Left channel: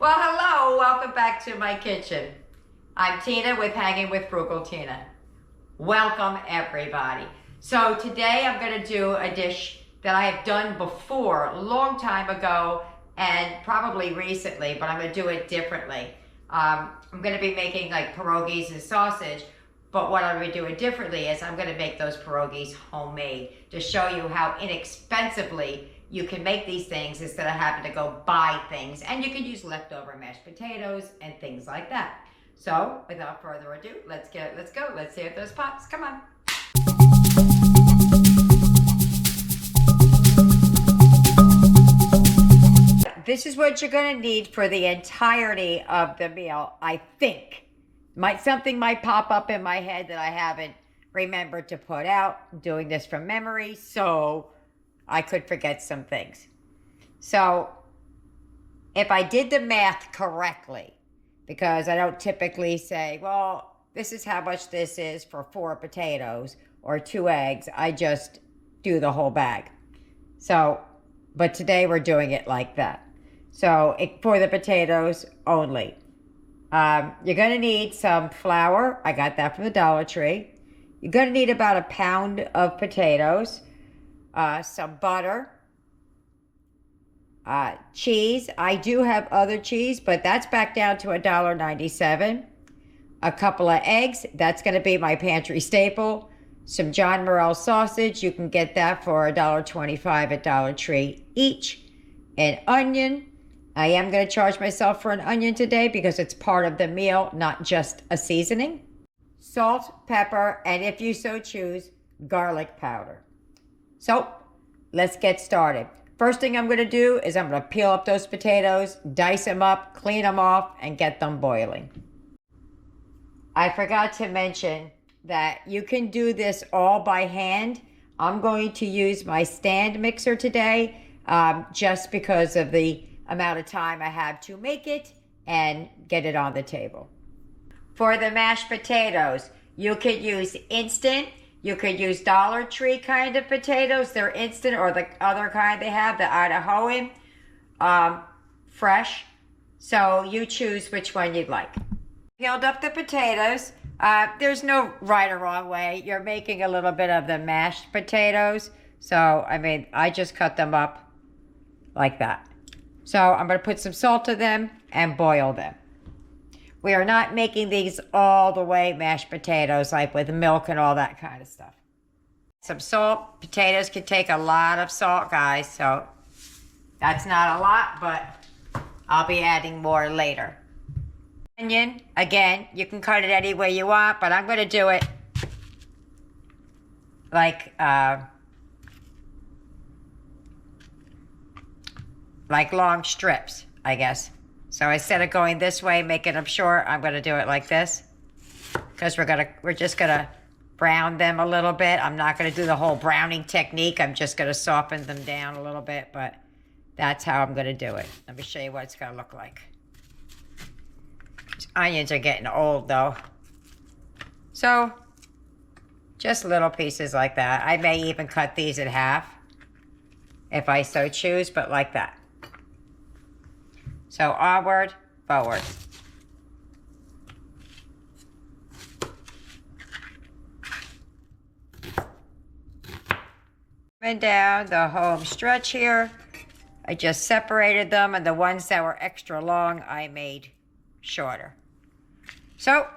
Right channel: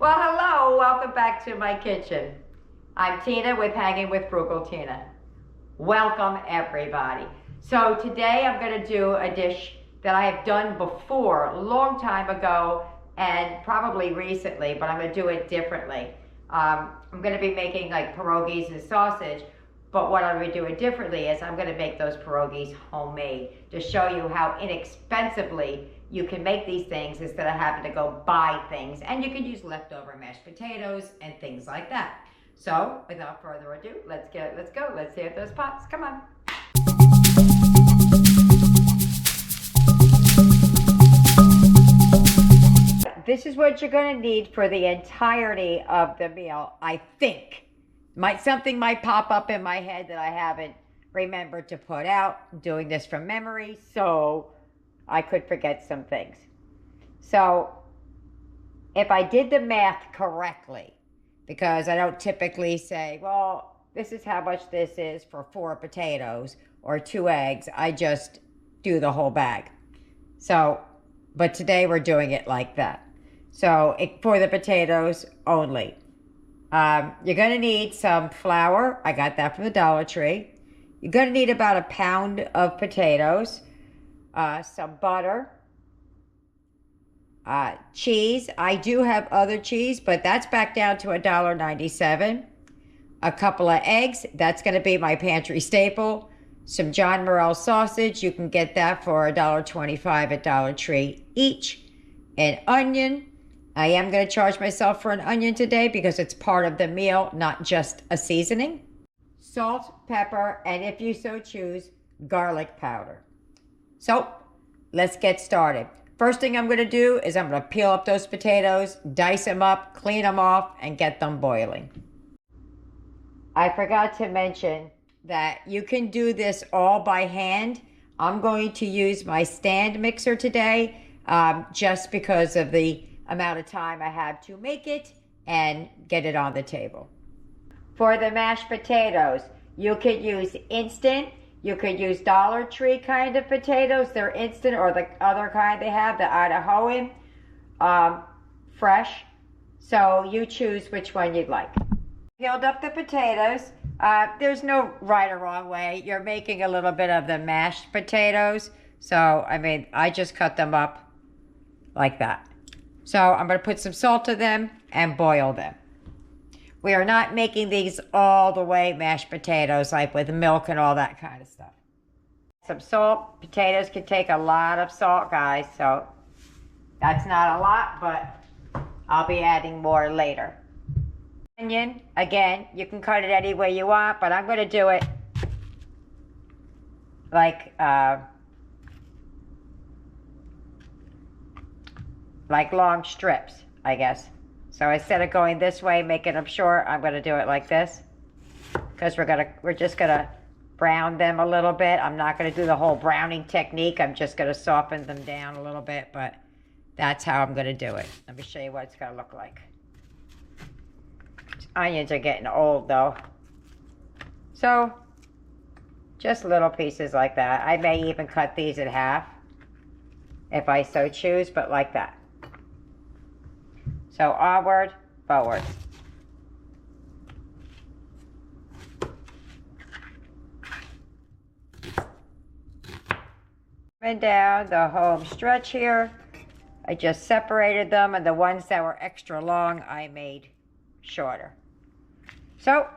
Well, hello, welcome back to my kitchen. I'm Tina with Hanging with Frugal Tina. Welcome, everybody. So today I'm going to do a dish that I have done before, a long time ago, and probably recently, but I'm going to do it differently. I'm going to be making like pierogies and sausage, but what I'm going to do it differently is I'm going to make those pierogies homemade to show you how inexpensively you can make these things instead of having to go buy things. And you can use leftover mashed potatoes and things like that. So without further ado, let's go. Let's see if those pots. Come on. This is what you're going to need for the entirety of the meal, I think. Something might pop up in my head that I haven't remembered to put out. I'm doing this from memory, so I could forget some things. So if I did the math correctly, because I don't typically say, well, this is how much this is for 4 potatoes or 2 eggs. I just do the whole bag. So, but today we're doing it like that. So for the potatoes only. You're going to need some flour. I got that from the Dollar Tree. You're going to need about a pound of potatoes. Some butter, cheese. I do have other cheese, but that's back down to $1.97. A couple of eggs. That's going to be my pantry staple. Some John Morrell sausage. You can get that for $1.25 at Dollar Tree each. An onion. I am going to charge myself for an onion today because it's part of the meal, not just a seasoning. Salt, pepper, and if you so choose, garlic powder. So let's get started. First thing I'm going to do is I'm going to peel up those potatoes, dice them up, clean them off, and get them boiling. I forgot to mention that you can do this all by hand. I'm going to use my stand mixer today just because of the amount of time I have to make it and get it on the table. For the mashed potatoes, you could use instant. You could use Dollar Tree kind of potatoes. They're instant, or the other kind they have, the Idahoan, fresh. So you choose which one you'd like. Peeled up the potatoes. There's no right or wrong way. You're making a little bit of the mashed potatoes. So, I just cut them up like that. So I'm going to put some salt to them and boil them. We are not making these all the way mashed potatoes, like with milk and all that kind of stuff. Some salt. Potatoes can take a lot of salt, guys, so that's not a lot, but I'll be adding more later. Onion, again, you can cut it any way you want, but I'm going to do it like long strips, I guess. So instead of going this way, making them short, I'm going to do it like this. Because we're just going to brown them a little bit. I'm not going to do the whole browning technique. I'm just going to soften them down a little bit, but that's how I'm going to do it. Let me show you what it's going to look like. These onions are getting old, though. So just little pieces like that. I may even cut these in half if I so choose, but like that. So onward, forward. Coming down the home stretch here. I just separated them, and the ones that were extra long, I made shorter. So,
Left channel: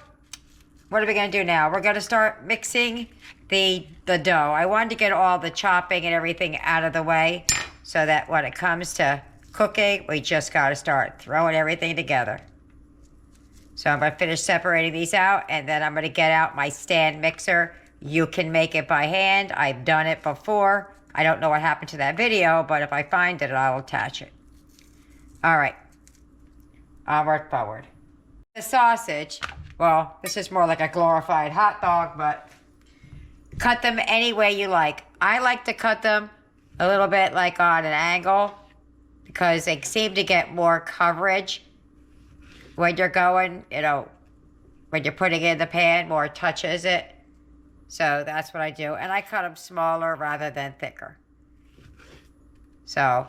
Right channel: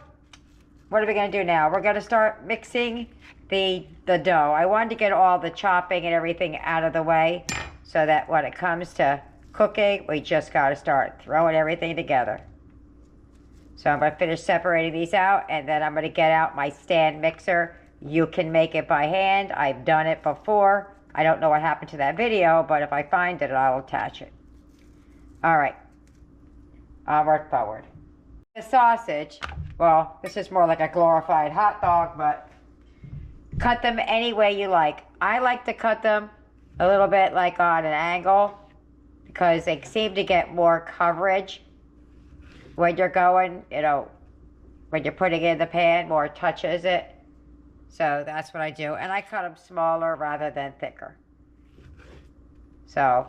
what are we going to do now? We're going to start mixing the dough. I wanted to get all the chopping and everything out of the way so that when it comes to cooking, we just got to start throwing everything together. So I'm going to finish separating these out, and then I'm going to get out my stand mixer. You can make it by hand. I've done it before. I don't know what happened to that video, but if I find it, I'll attach it. All right. Onward, forward. The sausage, well, this is more like a glorified hot dog, but cut them any way you like. I like to cut them a little bit like on an angle, because they seem to get more coverage when you're going, when you're putting it in the pan, more touches it. So that's what I do. And I cut them smaller rather than thicker. So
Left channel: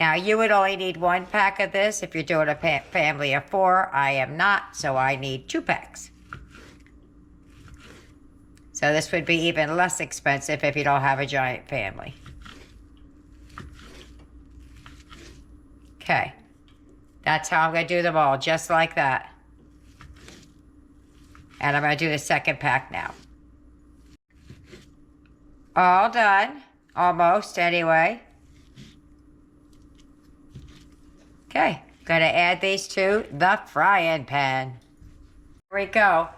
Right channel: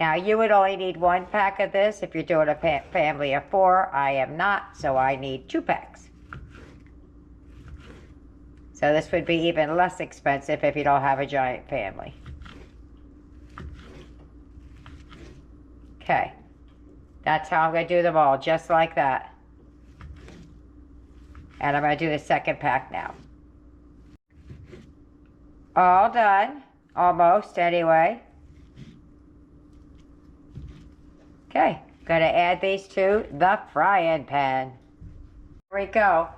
Now, you would only need 1 pack of this if you're doing a family of 4. I am not, so I need 2 packs. So this would be even less expensive if you don't have a giant family. Okay, that's how I'm going to do them all, just like that. And I'm going to do the 2nd pack now. All done, almost anyway. Okay, going to add these to the frying pan. Here we go.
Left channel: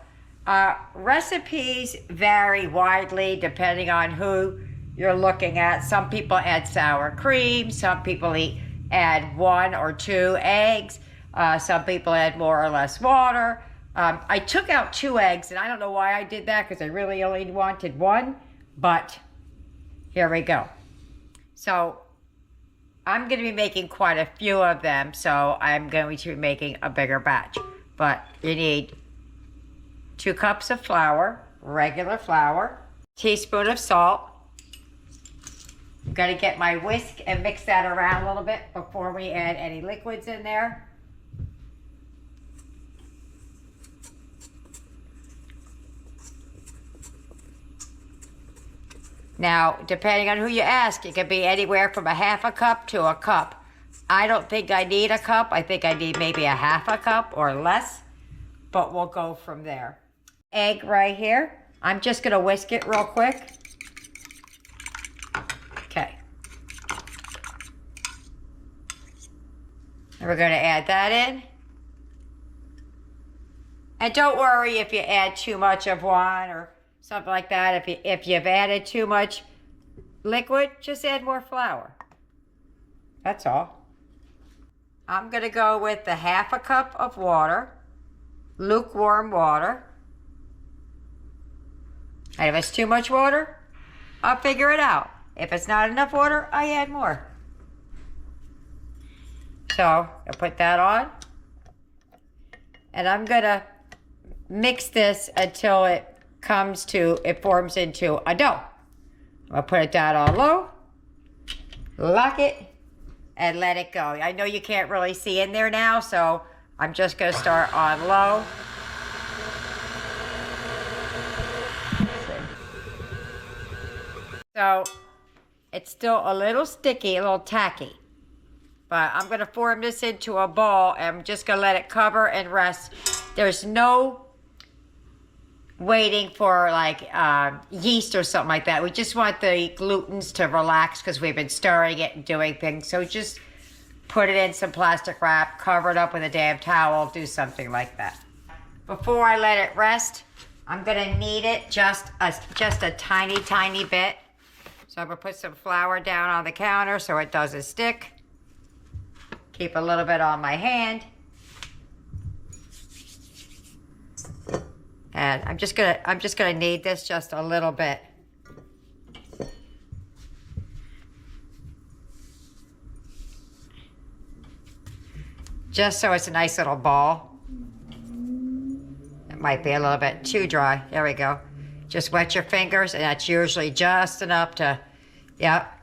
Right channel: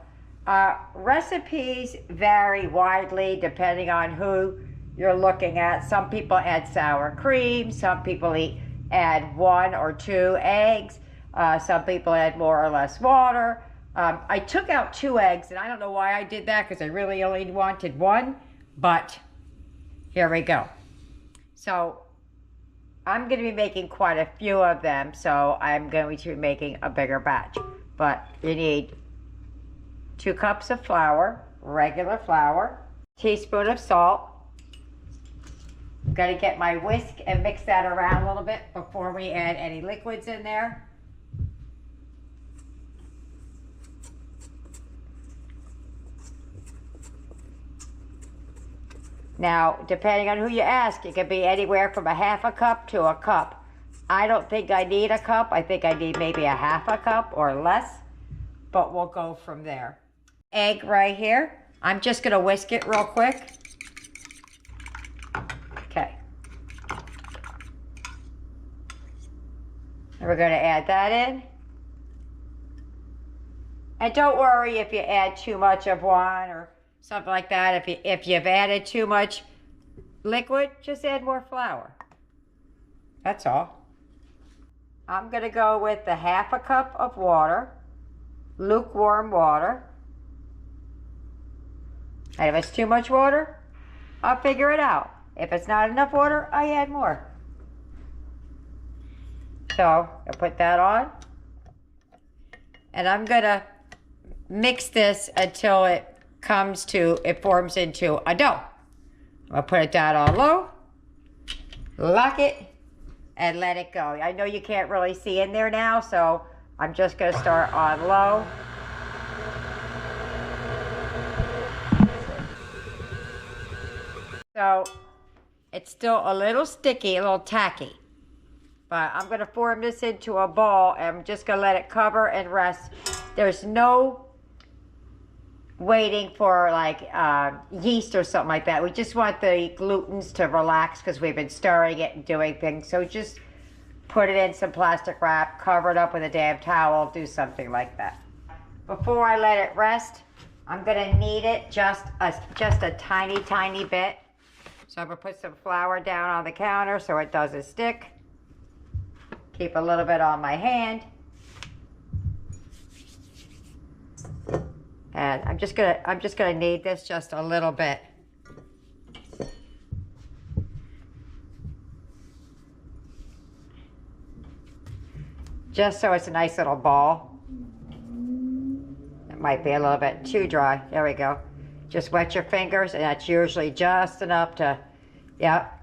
Recipes vary widely depending on who you're looking at. Some people add sour cream. Some people add 1 or 2 eggs. Some people add more or less water. I took out 2 eggs, and I don't know why I did that because I really only wanted 1, but here we go. So I'm going to be making quite a few of them, so I'm going to be making a bigger batch. But you need 2 cups of flour, regular flour, teaspoon of salt. I'm going to get my whisk and mix that around a little bit before we add any liquids in there. Now, depending on who you ask, it could be anywhere from a 1/2 cup to a cup. I don't think I need a cup. I think I need maybe a 1/2 cup or less, but we'll go from there. Egg right here. I'm just going to whisk it real quick. Okay. And we're going to add that in. And don't worry if you add too much of one or something like that. If you've added too much liquid, just add more flour. That's all. I'm going to go with the 1/2 cup of water, lukewarm water. And if it's too much water, I'll figure it out. If it's not enough water, I add more. So I'll put that on. And I'm going to mix this until it forms into a dough. I'll put it down on low, lock it, and let it go. I know you can't really see in there now, so I'm just going to start on low. So it's still a little sticky, a little tacky. But I'm going to form this into a ball, and I'm just going to let it cover and rest. There's no waiting for like yeast or something like that. We just want the glutens to relax because we've been stirring it and doing things. So just put it in some plastic wrap, cover it up with a damn towel, do something like that. Before I let it rest, I'm going to knead it just a tiny, tiny bit. So I'm going to put some flour down on the counter so it doesn't stick. Keep a little bit on my hand. And I'm just gonna knead this just a little bit. Just so it's a nice little ball. It might be a little bit too dry. There we go. Just wet your fingers, and that's usually just enough to, yep.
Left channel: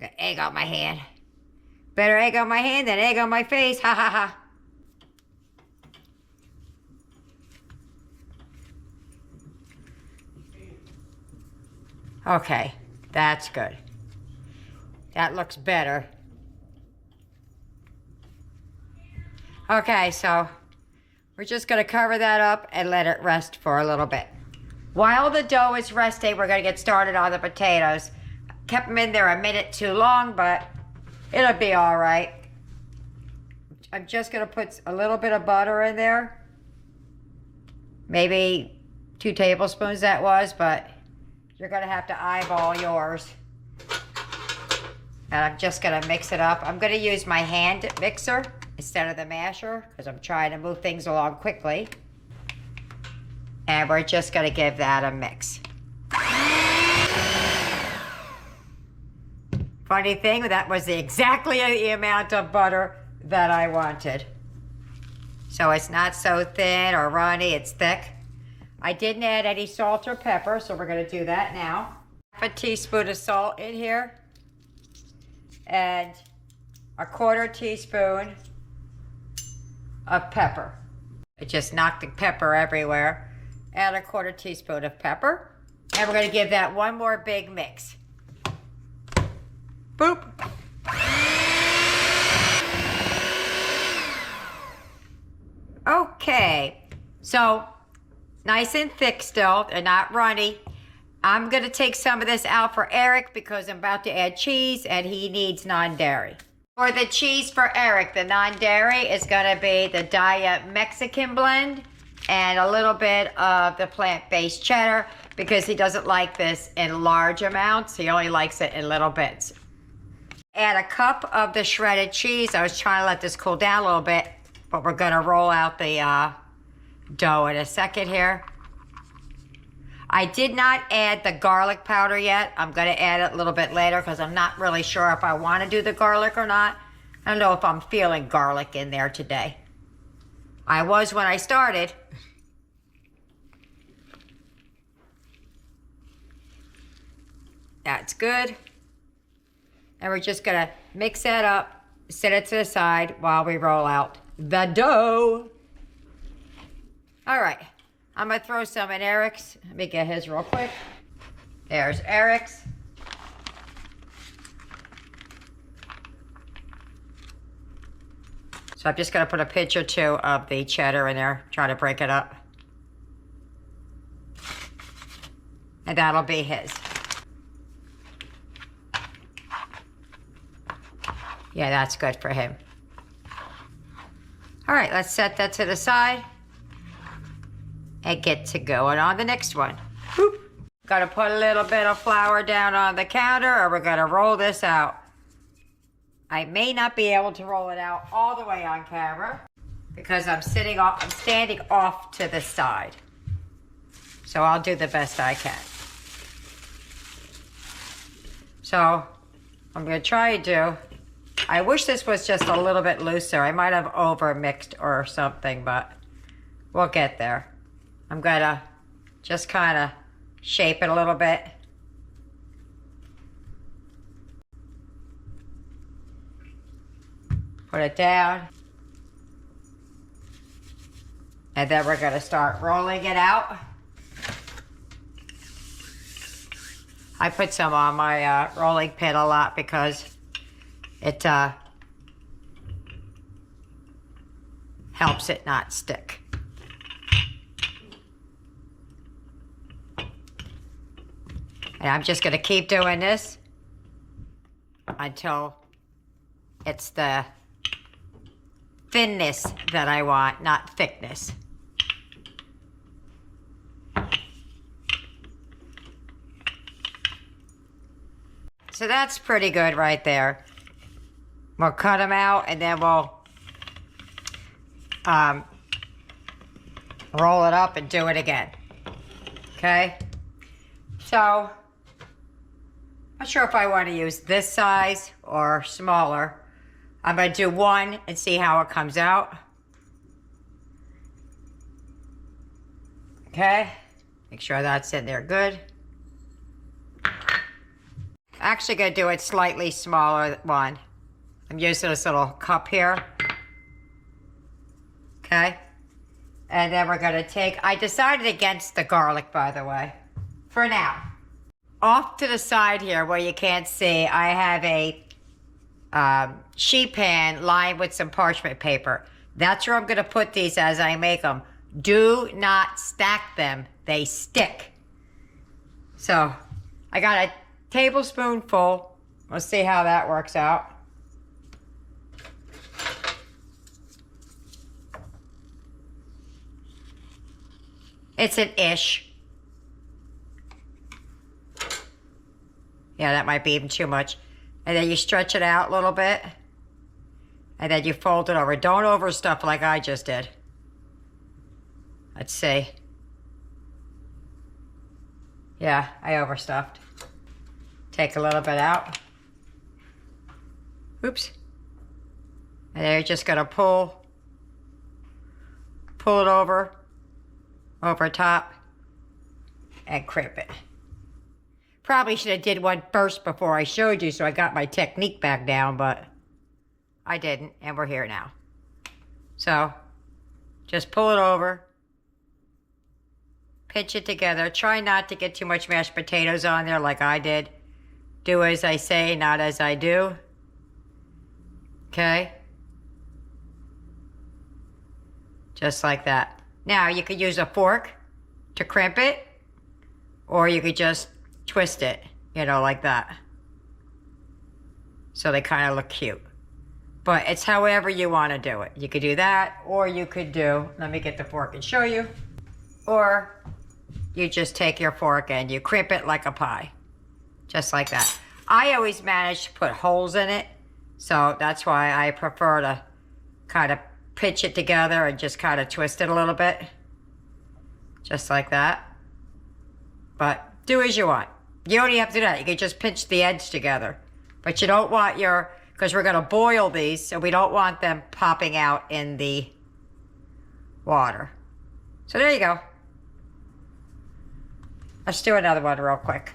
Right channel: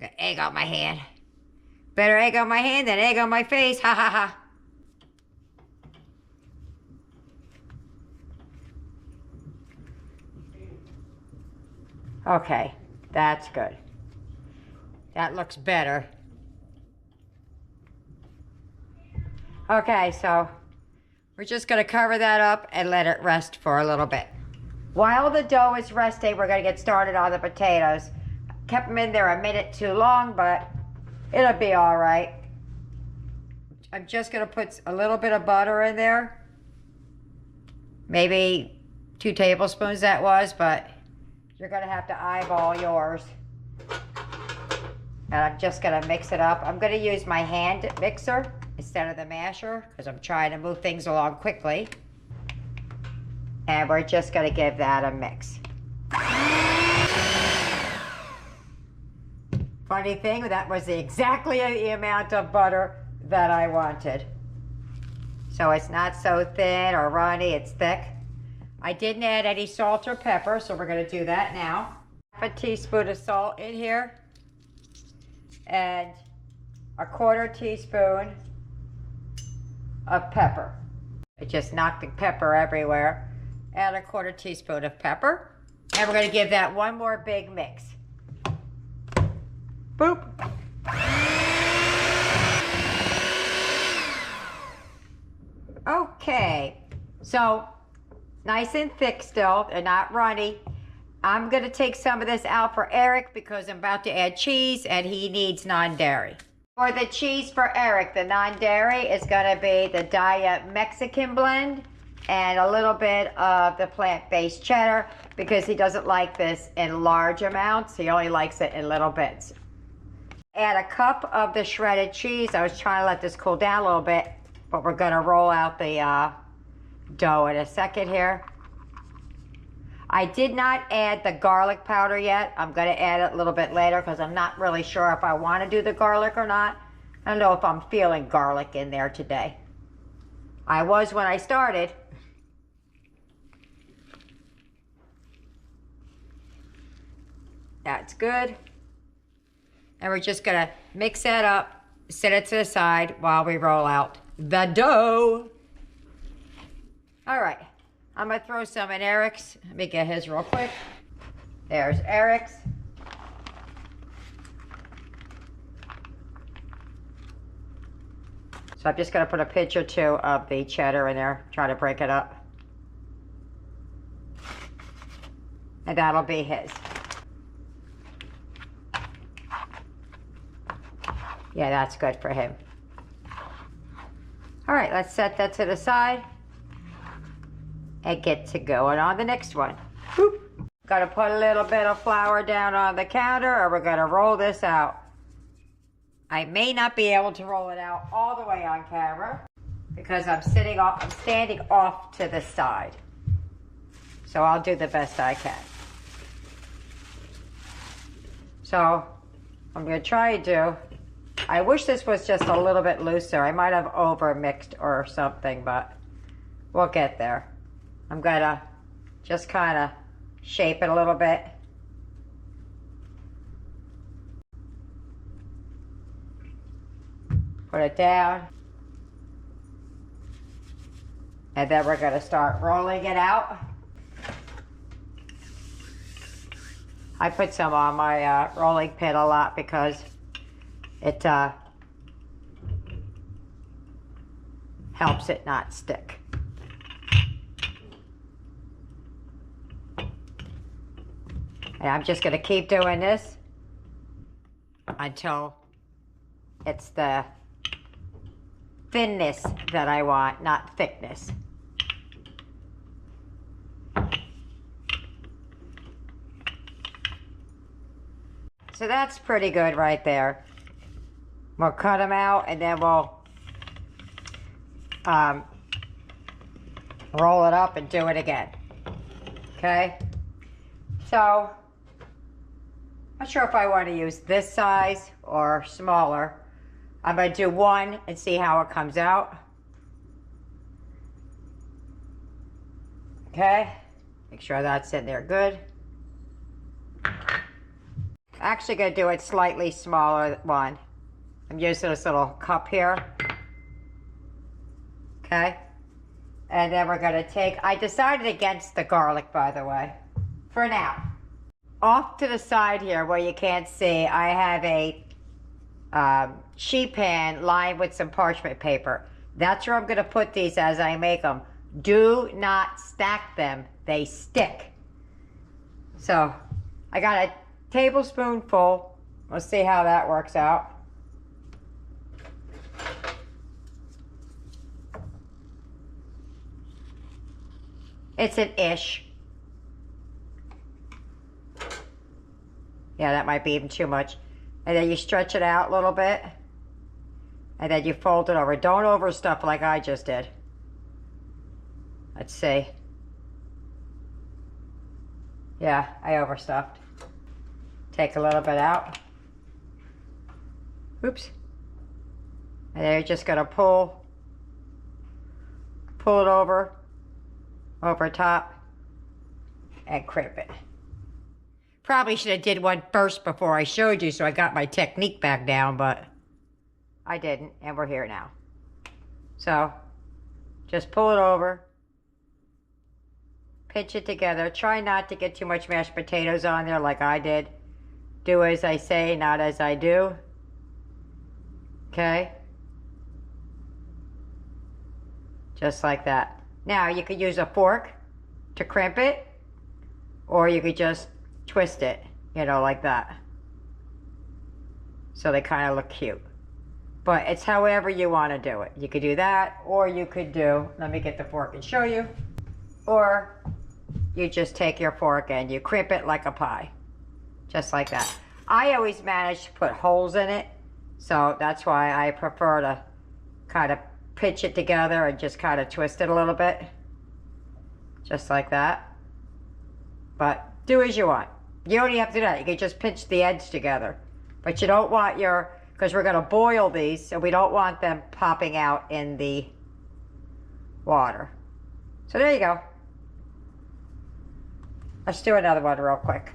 Got egg on my hand. Better egg on my hand than egg on my face, ha ha ha. Okay, that's good. That looks better. Okay, so we're just gonna cover that up and let it rest for a little bit. While the dough is resting, we're gonna get started on the potatoes. Kept them in there a minute too long, but it'll be all right. I'm just gonna put a little bit of butter in there. Maybe 2 tablespoons that was, but you're gonna have to eyeball yours. And I'm just gonna mix it up. I'm gonna use my hand mixer instead of the masher because I'm trying to move things along quickly. And we're just gonna give that a mix. Funny thing, that was exactly the amount of butter that I wanted. So it's not so thin or runny, it's thick. I didn't add any salt or pepper, so we're gonna do that now. 1/2 teaspoon of salt in here. And 1/4 teaspoon of pepper. I just knocked the pepper everywhere. Add 1/4 teaspoon of pepper. And we're going to give that one more big mix. Boop. Okay, so nice and thick still, they're not runny. I'm going to take some of this out for Eric because I'm about to add cheese and he needs non-dairy. For the cheese for Eric, the non-dairy is going to be the Diet Mexican blend and a little bit of the plant-based cheddar because he doesn't like this in large amounts. He only likes it in little bits. Add a cup of the shredded cheese. I was trying to let this cool down a little bit, but we're going to roll out the dough in a second here. I did not add the garlic powder yet. I'm going to add it a little bit later because I'm not really sure if I want to do the garlic or not. I don't know if I'm feeling garlic in there today. I was when I started. That's good. And we're just going to mix that up, set it to the side while we roll out the dough. All right. I'm going to throw some in Eric's. Let me get his real quick. There's Eric's. So I'm just going to put a pinch or two of the cheddar in there, try to break it up. And that'll be his. Yeah, that's good for him. All right, let's set that to the side and get to going on the next one. Boop. Gotta put a little bit of flour down on the counter or we're gonna roll this out. I may not be able to roll it out all the way on camera because I'm standing off to the side. So I'll do the best I can. So I'm gonna try to do, I wish this was just a little bit looser. I might have over mixed or something, but we'll get there. I'm gonna just kind of shape it a little bit. Put it down. And then we're gonna start rolling it out. I put some on my rolling pin a lot because it helps it not stick. And I'm just gonna keep doing this until it's the thinness that I want, not thickness. So that's pretty good right there. We'll cut them out and then we'll roll it up and do it again. Okay? So, not sure if I want to use this size or smaller. I'm going to do one and see how it comes out. Okay? Make sure that's in there good. Actually going to do it slightly smaller one. I'm using this little cup here. Okay? And then we're going to take, I decided against the garlic, by the way, for now. Off to the side here where you can't see, I have a sheet pan lined with some parchment paper. That's where I'm going to put these as I make them. Do not stack them. They stick. So, I got a tablespoonful. Let's see how that works out. It's an ish. Yeah, that might be even too much. And then you stretch it out a little bit. And then you fold it over. Don't overstuff like I just did. Let's see. Yeah, I overstuffed. Take a little bit out. Oops. And then you're just gonna pull it over top, and crimp it. Probably should have did one first before I showed you so I got my technique back down, but I didn't, and we're here now. So just pull it over, pinch it together. Try not to get too much mashed potatoes on there like I did. Do as I say, not as I do. Okay? Just like that. Now you could use a fork to crimp it, or you could just twist it, you know, like that. So they kind of look cute. But it's however you want to do it. You could do that, or you could do, let me get the fork and show you, or you just take your fork and you crimp it like a pie. Just like that. I always manage to put holes in it, so that's why I prefer to kind of pinch it together and just kind of twist it a little bit. Just like that. But do as you want. You don't even have to do that. You can just pinch the edge together. But you don't want your, because we're going to boil these, so we don't want them popping out in the water. So there you go. Let's do another one real quick.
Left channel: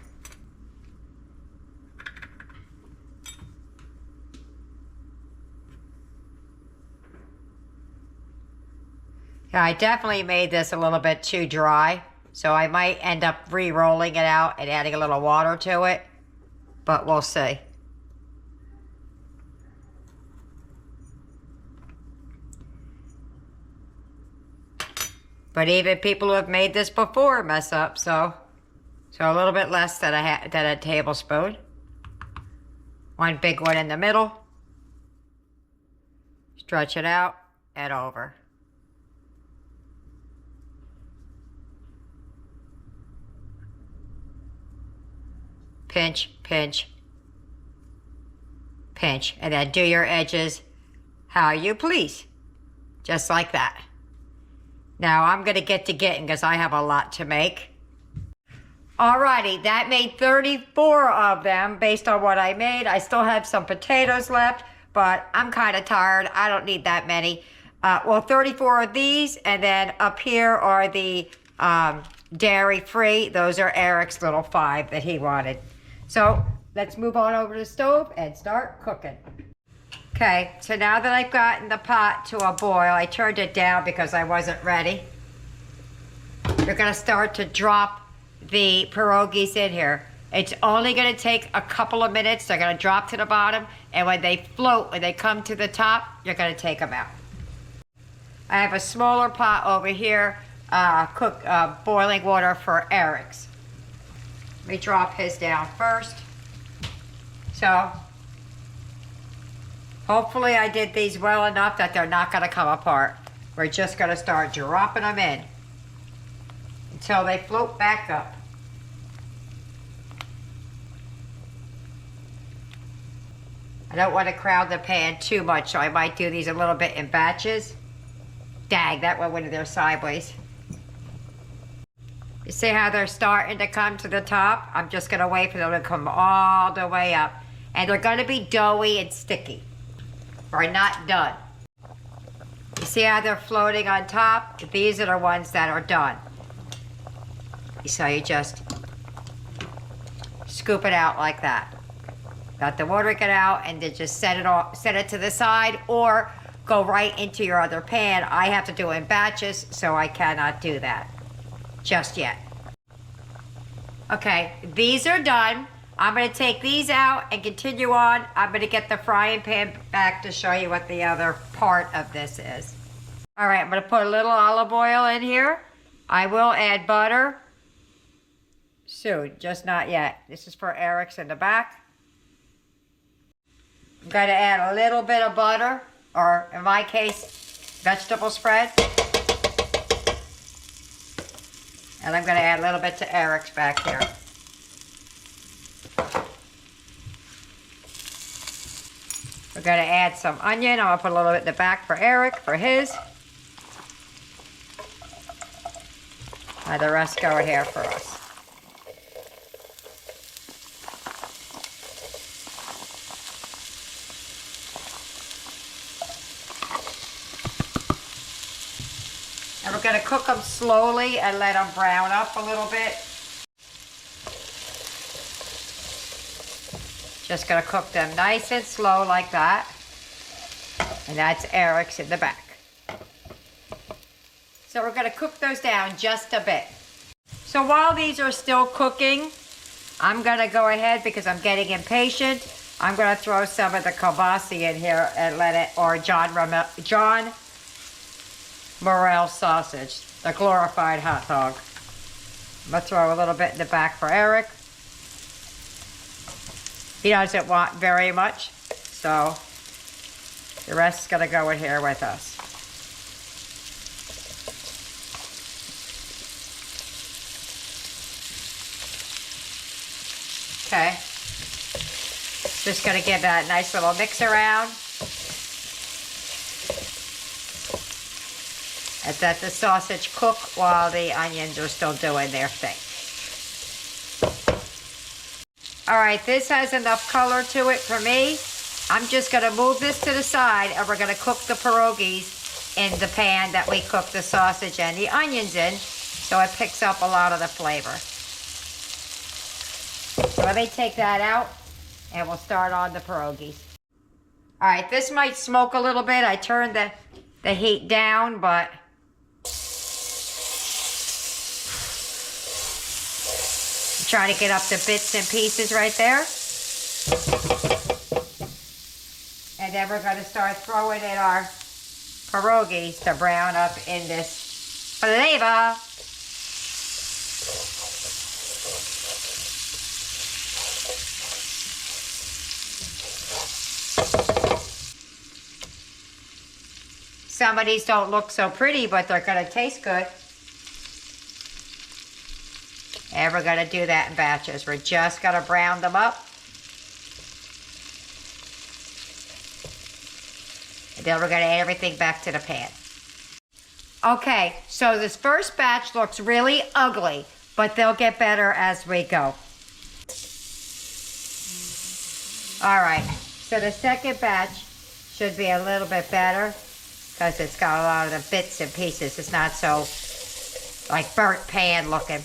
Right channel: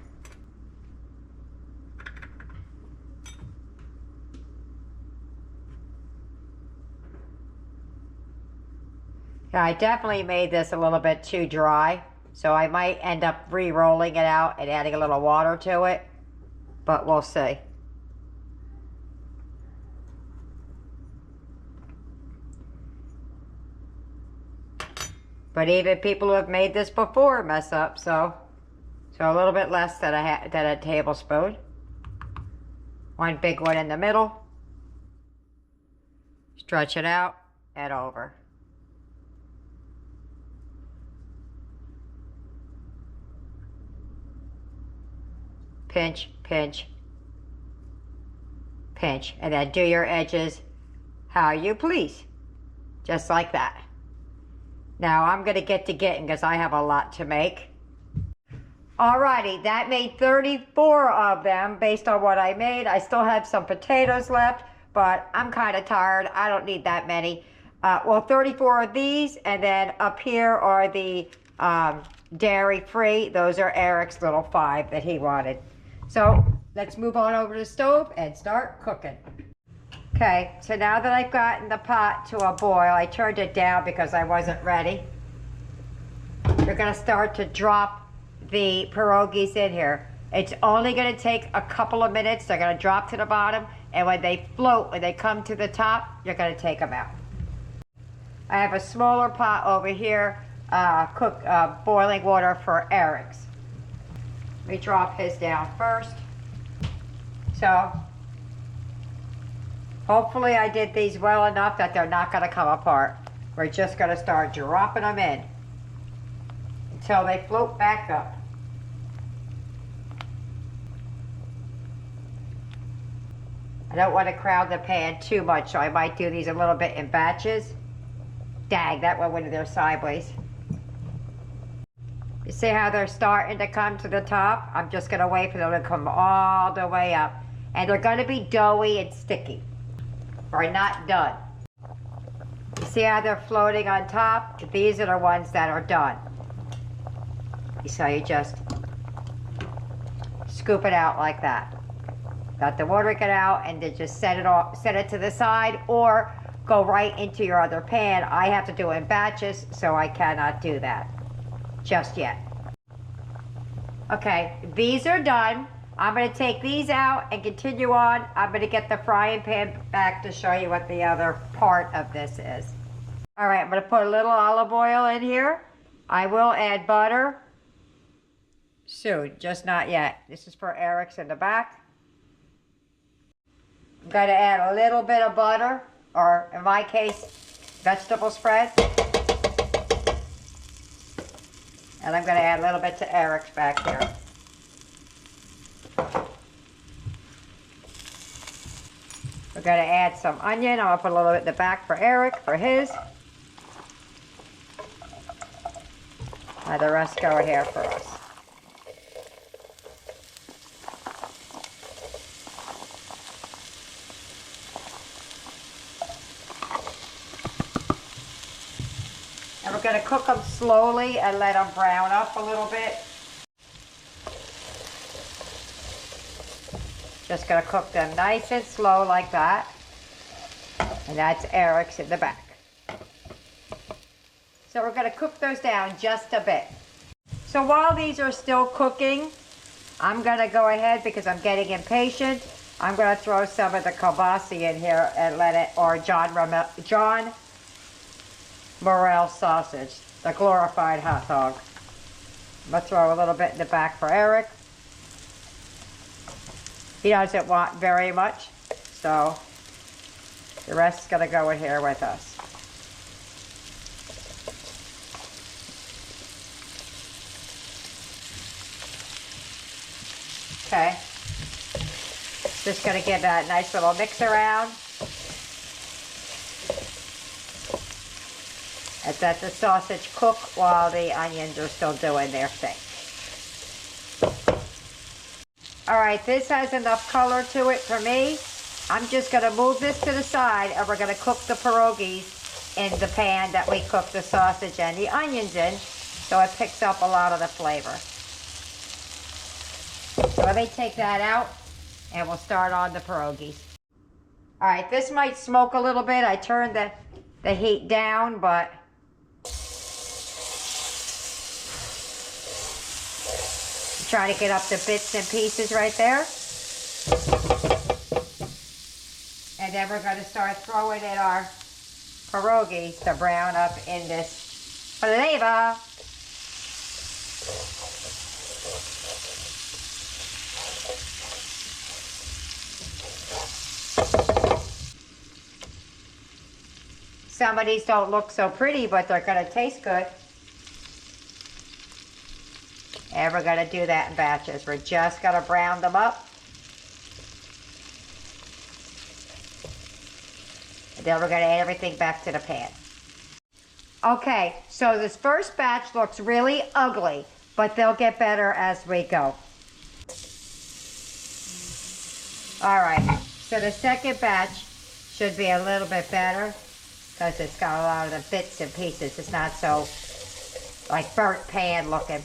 Yeah, I definitely made this a little bit too dry, so I might end up re-rolling it out and adding a little water to it, but we'll see. But even people who have made this before mess up, so a little bit less than a tablespoon. One big one in the middle. Stretch it out and over. Pinch, pinch, pinch, and then do your edges how you please, just like that. Now I'm gonna get to getting because I have a lot to make. Alrighty, that made 34 of them based on what I made. I still have some potatoes left, but I'm kind of tired. I don't need that many. Well, 34 of these, and then up here are the dairy-free. Those are Eric's little 5 that he wanted. So let's move on over to the stove and start cooking. Okay, so now that I've gotten the pot to a boil, I turned it down because I wasn't ready. We're gonna start to drop the pierogies in here. It's only gonna take a couple of minutes. They're gonna drop to the bottom, and when they float, when they come to the top, you're gonna take them out. I have a smaller pot over here, boiling water for Eric's. Let me drop his down first. So, hopefully I did these well enough that they're not gonna come apart. We're just gonna start dropping them in until they float back up. I don't want to crowd the pan too much, so I might do these a little bit in batches. Dang, that one went in there sideways. You see how they're starting to come to the top? I'm just gonna wait for them to come all the way up. And they're gonna be doughy and sticky. We're not done. You see how they're floating on top? These are the ones that are done. So you just scoop it out like that. Let the water get out and then just set it to the side or go right into your other pan. I have to do it in batches, so I cannot do that just yet. Okay, these are done. I'm gonna take these out and continue on. I'm gonna get the frying pan back to show you what the other part of this is. All right, I'm gonna put a little olive oil in here. I will add butter soon, just not yet. This is for Eric's in the back. I'm gonna add a little bit of butter, or in my case, vegetable spread. And I'm gonna add a little bit to Eric's back here. We're gonna add some onion. I'm gonna put a little bit in the back for Eric, for his. And the rest go here for us. And we're gonna cook them slowly and let them brown up a little bit. Just gonna cook them nice and slow like that. And that's Eric's in the back. So we're gonna cook those down just a bit. So while these are still cooking, I'm gonna go ahead, because I'm getting impatient, I'm gonna throw some of the kielbasa in here and let it, or John Morel sausage, the glorified hot dog. I'm gonna throw a little bit in the back for Eric. He doesn't want very much, so the rest is gonna go in here with us. Okay. Just gonna give that a nice little mix around. And let the sausage cook while the onions are still doing their thing. All right, this has enough color to it for me. I'm just gonna move this to the side, and we're gonna cook the pierogies in the pan that we cooked the sausage and the onions in, so it picks up a lot of the flavor. So let me take that out, and we'll start on the pierogies. All right, this might smoke a little bit. I turned the heat down, but I'm trying to get up the bits and pieces right there. And then we're going to start throwing in our pierogies to brown up in this flavor. Some of these don't look so pretty, but they're gonna taste good. And we're gonna do that in batches. We're just gonna brown them up. And then we're gonna add everything back to the pan. Okay, so this first batch looks really ugly, but they'll get better as we go. All right, so the second batch should be a little bit better, because it's got a lot of the bits and pieces. It's not so like burnt pan looking.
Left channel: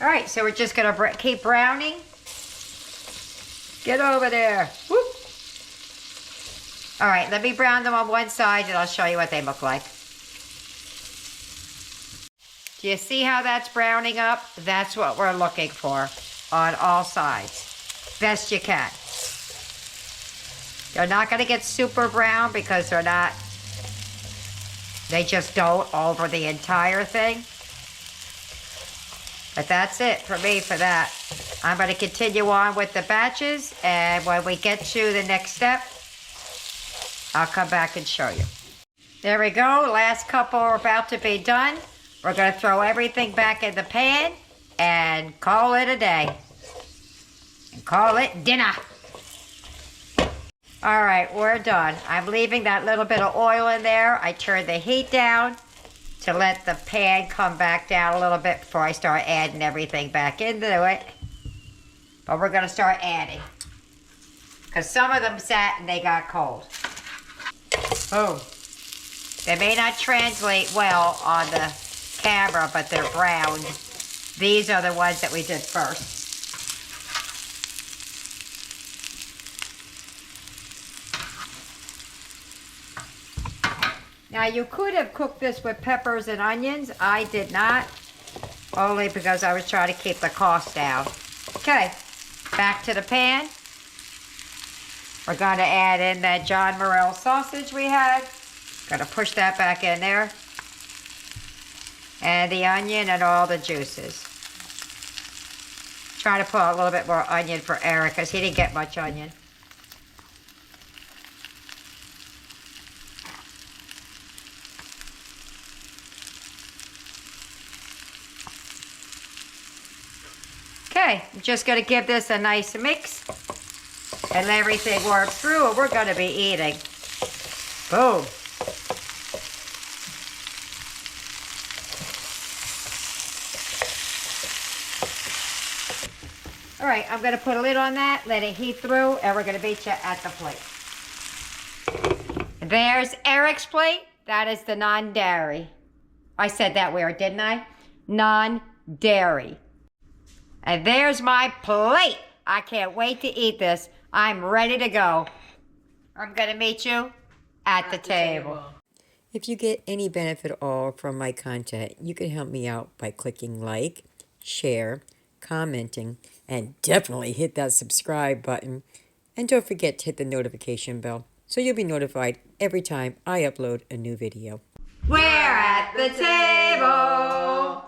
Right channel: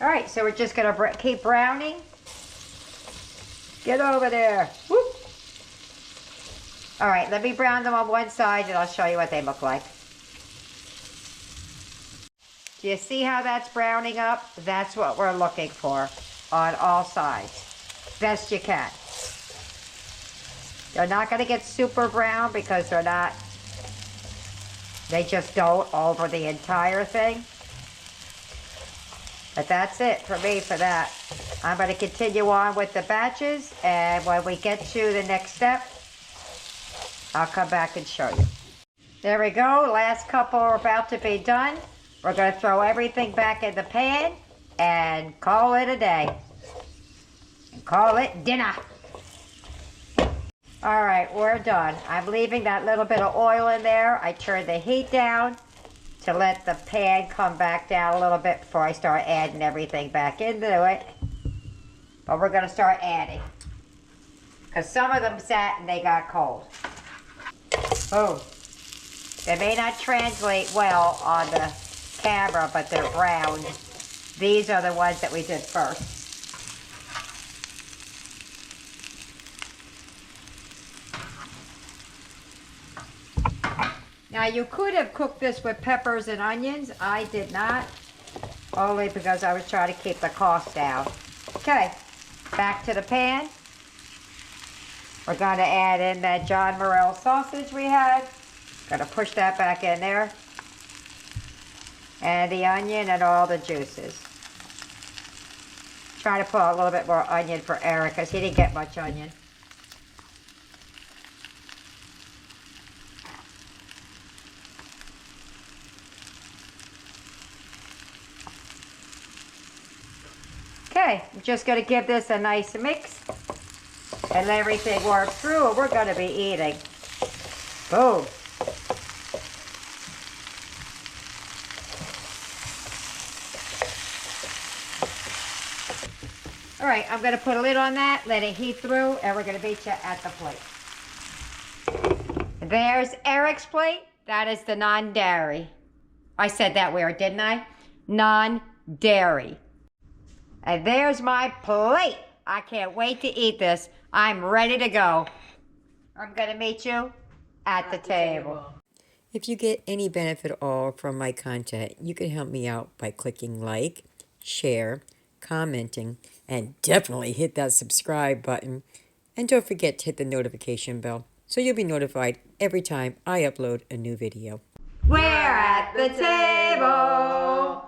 All right, so we're just gonna keep browning. Get over there. Whoop. All right, let me brown them on one side and I'll show you what they look like. Do you see how that's browning up? That's what we're looking for on all sides. Best you can. They're not gonna get super brown because they just don't over the entire thing. But that's it for me for that. I'm gonna continue on with the batches, and when we get to the next step, I'll come back and show you. There we go, last couple are about to be done. We're gonna throw everything back in the pan and call it a day. And call it dinner. All right, we're done. I'm leaving that little bit of oil in there. I turned the heat down to let the pan come back down a little bit before I start adding everything back into it. But we're gonna start adding, because some of them sat and they got cold. Oh, they may not translate well on the camera, but they're browned. These are the ones that we did first. Now you could have cooked this with peppers and onions. I did not, only because I was trying to keep the cost down. Okay, back to the pan. We're going to add in that John Morel sausage we had. Going to push that back in there. And the onion and all the juices. Trying to put a little bit more onion for Eric, because he didn't get much onion. Okay, I'm just going to give this a nice mix and let everything work through, and we're going to be eating. Boom. All right, I'm going to put a lid on that, let it heat through, and we're going to meet you at the plate. There's Eric's plate. That is the non-dairy. I said that weird, didn't I? Non-dairy dairy. And there's my plate. I can't wait to eat this. I'm ready to go. I'm going to meet you at the table. If you get any benefit at all from my content, you can help me out by clicking like, share, commenting, and definitely hit that subscribe button. And don't forget to hit the notification bell so you'll be notified every time I upload a new video. We're at the table.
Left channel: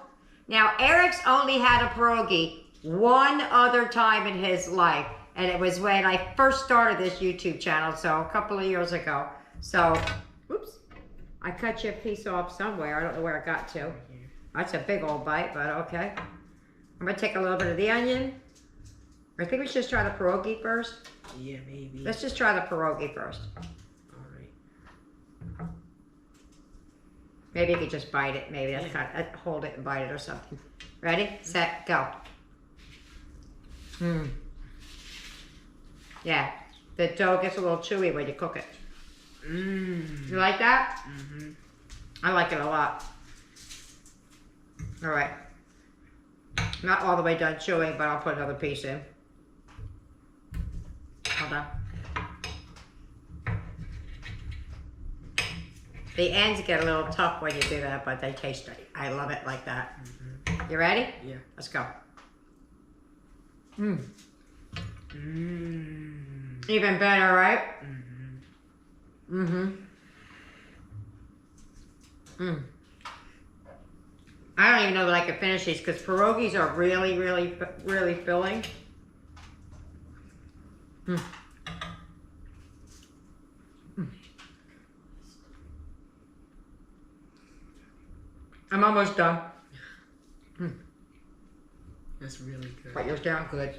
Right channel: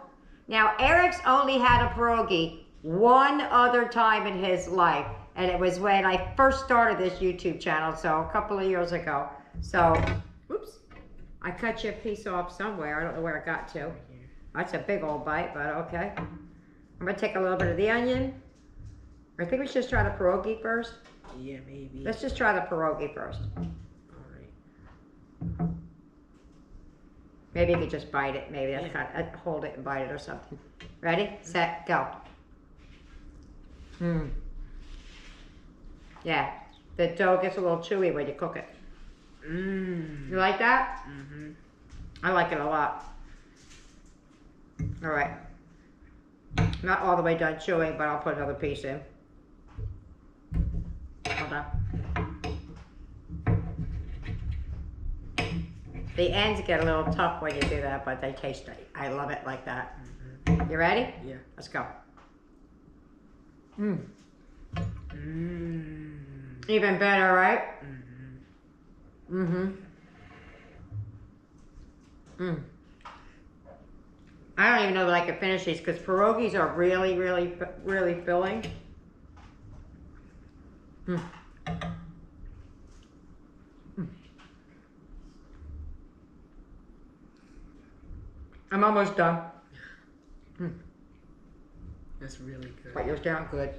Now, Eric's only had a pierogi one other time in his life, and it was when I first started this YouTube channel, so a couple of years ago. So, oops, I cut you a piece off somewhere. I don't know where it got to. That's a big old bite, but okay. I'm gonna take a little bit of the onion. I think we should just try the pierogi first. Yeah, maybe. Let's just try the pierogi first. All right. Maybe you could just bite it. Maybe that's kind of, hold it and bite it or something. Ready, set, go. Yeah, the dough gets a little chewy when you cook it. You like that? I like it a lot. All right. Not all the way done chewing, but I'll put another piece in. Hold on. The ends get a little tough when you do that, but they taste great. I love it like that. You ready? Yeah. Let's go. Even better, right? I don't even know that I could finish these because pierogies are really, really, really filling. I'm almost done. That's really good. But yours down good.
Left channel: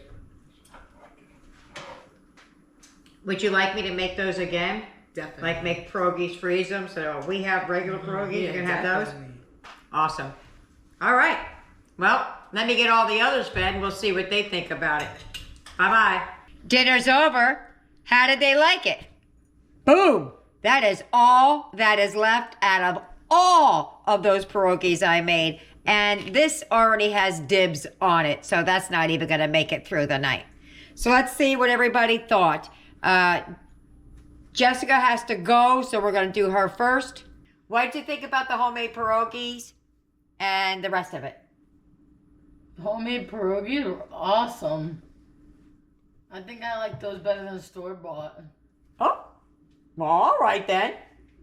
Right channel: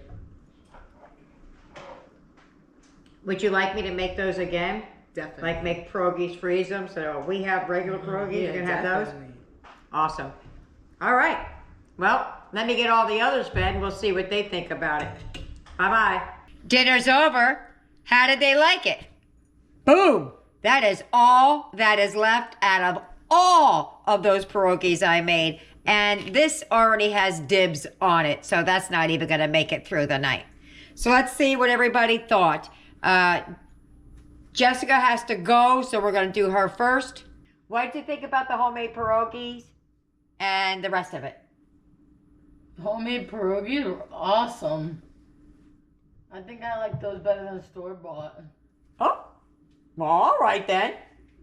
Would you like me to make those again? Definitely. Like make pierogies, freeze them, so we have regular pierogies, you can have those? Awesome. All right. Well, let me get all the others fed and we'll see what they think about it. Bye-bye. Dinner's over. How did they like it? Boom. That is all that is left out of all of those pierogies I made. And this already has dibs on it, so that's not even going to make it through the night. So let's see what everybody thought. Jessica has to go, so we're going to do her first. What did you think about the homemade pierogies and the rest of it? Homemade pierogies were awesome. I think I like those better than store-bought. Oh, well, all right then.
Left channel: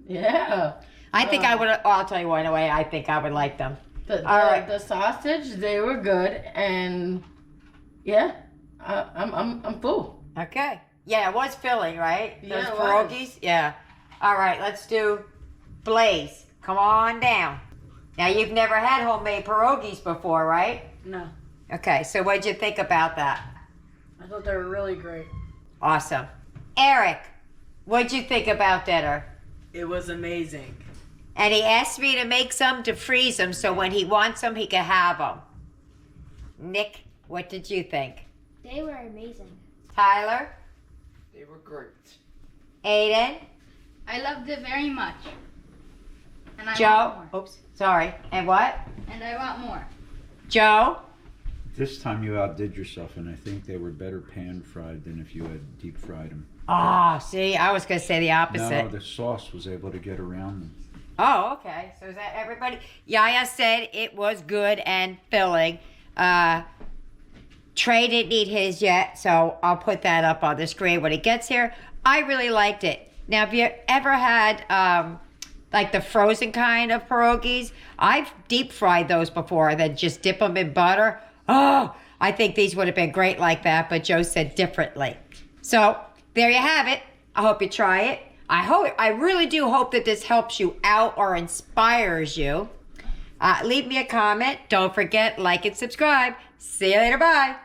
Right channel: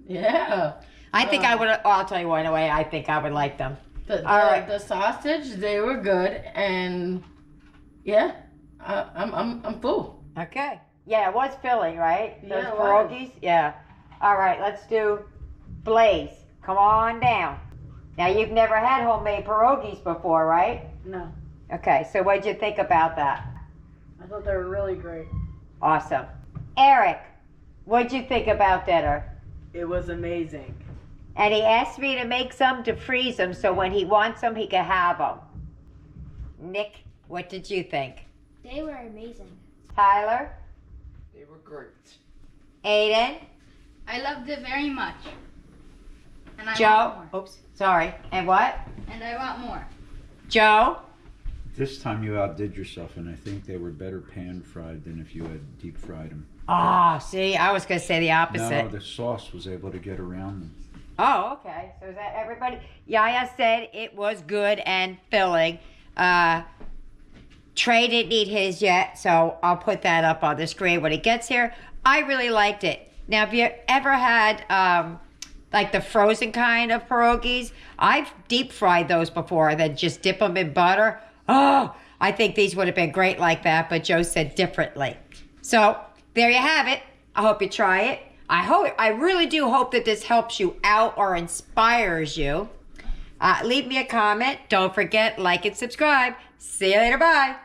Yeah. I think I would, I'll tell you one way I think I would like them. The sausage, they were good, and yeah, I'm full. Okay. Yeah, it was filling, right? Yeah, Those it pierogies? was. Yeah. All right, let's do Blaze. Come on down. Now, you've never had homemade pierogies before, right? No. Okay, so what'd you think about that? I thought they were really great. Awesome. Eric, what'd you think about dinner? It was amazing. And he asked me to make some to freeze them so when he wants them, he can have them. Nick, what did you think? They were amazing. Tyler? They were great. Aiden? I loved it very much. And I Joe? want more. Oops, sorry. And what? And I want more. Joe? This time you outdid yourself, and I think they were better pan-fried than if you had deep-fried them. Oh, see, I was going to say the opposite. No, the sauce was able to get around them. Oh, okay. So is that everybody? Yaya said it was good and filling. Trey didn't eat his yet, so I'll put that up on the screen when it gets here. I really liked it. Now, have you ever had like the frozen kind of pierogies? I've deep fried those before, then just dip them in butter. Oh, I think these would have been great like that, but Joe said differently. So there you have it. I hope you try it. I really do hope that this helps you out or inspires you. Leave me a comment. Don't forget, like and subscribe. See you later. Bye.